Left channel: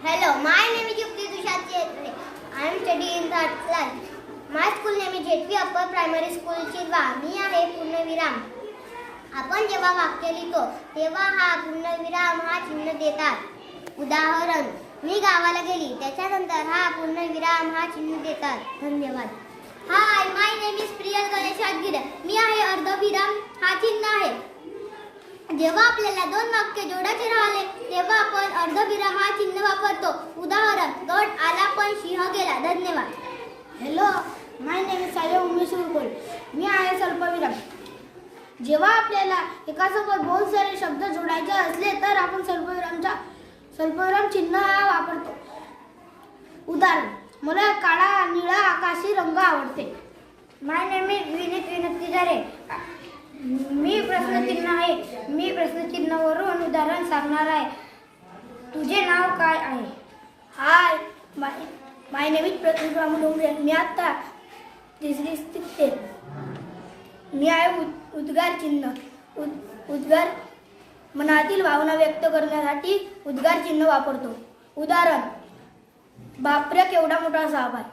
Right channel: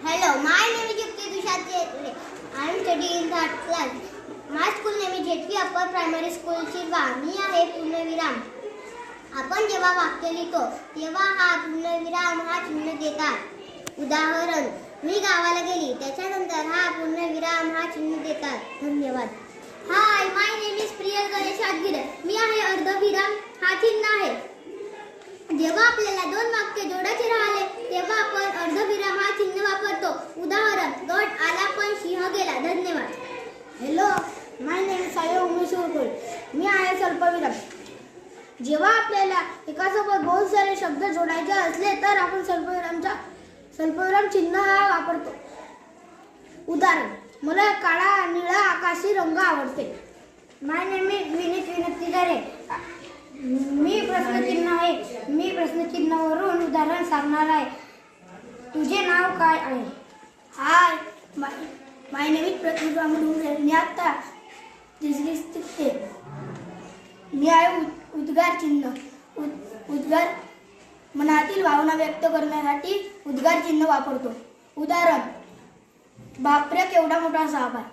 Hello, my name is Yukti Tushar Chetre. I am studying in third class. My school name is JP Upper Primary School, Chilwa. मी आहे पूर्णविराम. आपण जेव्हा वाक्य लिहितो तेव्हा हा पूर्णविराम हा चिन्ह देतात. उदाहरण, मी गावाला गेली. त्याच्यानंतर हा पूर्णविराम हा चिन्ह देतात. धन्यवाद. हाय, माय नेम इज प्रियल गणेश आगीर. मी आहे अर्धविराम हा चिन्ह आहे. जेव्हा आपल्याला दोन वाक्य जोडायचे राहिले तेव्हा आपण अर्धविराम हा चिन्ह वापरतो. उदाहरण, गड आला पण सिंह गेला. धन्यवाद. हॅलो, माय नेम इज सायो उमेश सुरकुल. मी आहे स्वल्पविराम. जेव्हा आपल्याला एकासोबत बहुत सारे शब्द जोडायचे असले तर आपण स्वल्पविराम चिन्ह वापरतो. उदाहरण, मला काळा निळा आकाशी रंग आवडते. माय नेम इज विनीत विनंतीधारे. मी प्रश्नचिन्हावरून उदाहरण सांगणार आहे. तुझे नाव काय आहे? हाय, माय नेम इज प्रतिभा मुंडे. मी आता तिसरी शिकते. मी आहे उद्गार चिन्ह. उद्गार मनातील भावना व्यक्त करण्यासाठी उद्गार चिन्ह वापरतो. उदाहरण, बापरे केवढा मोठा साप आहे.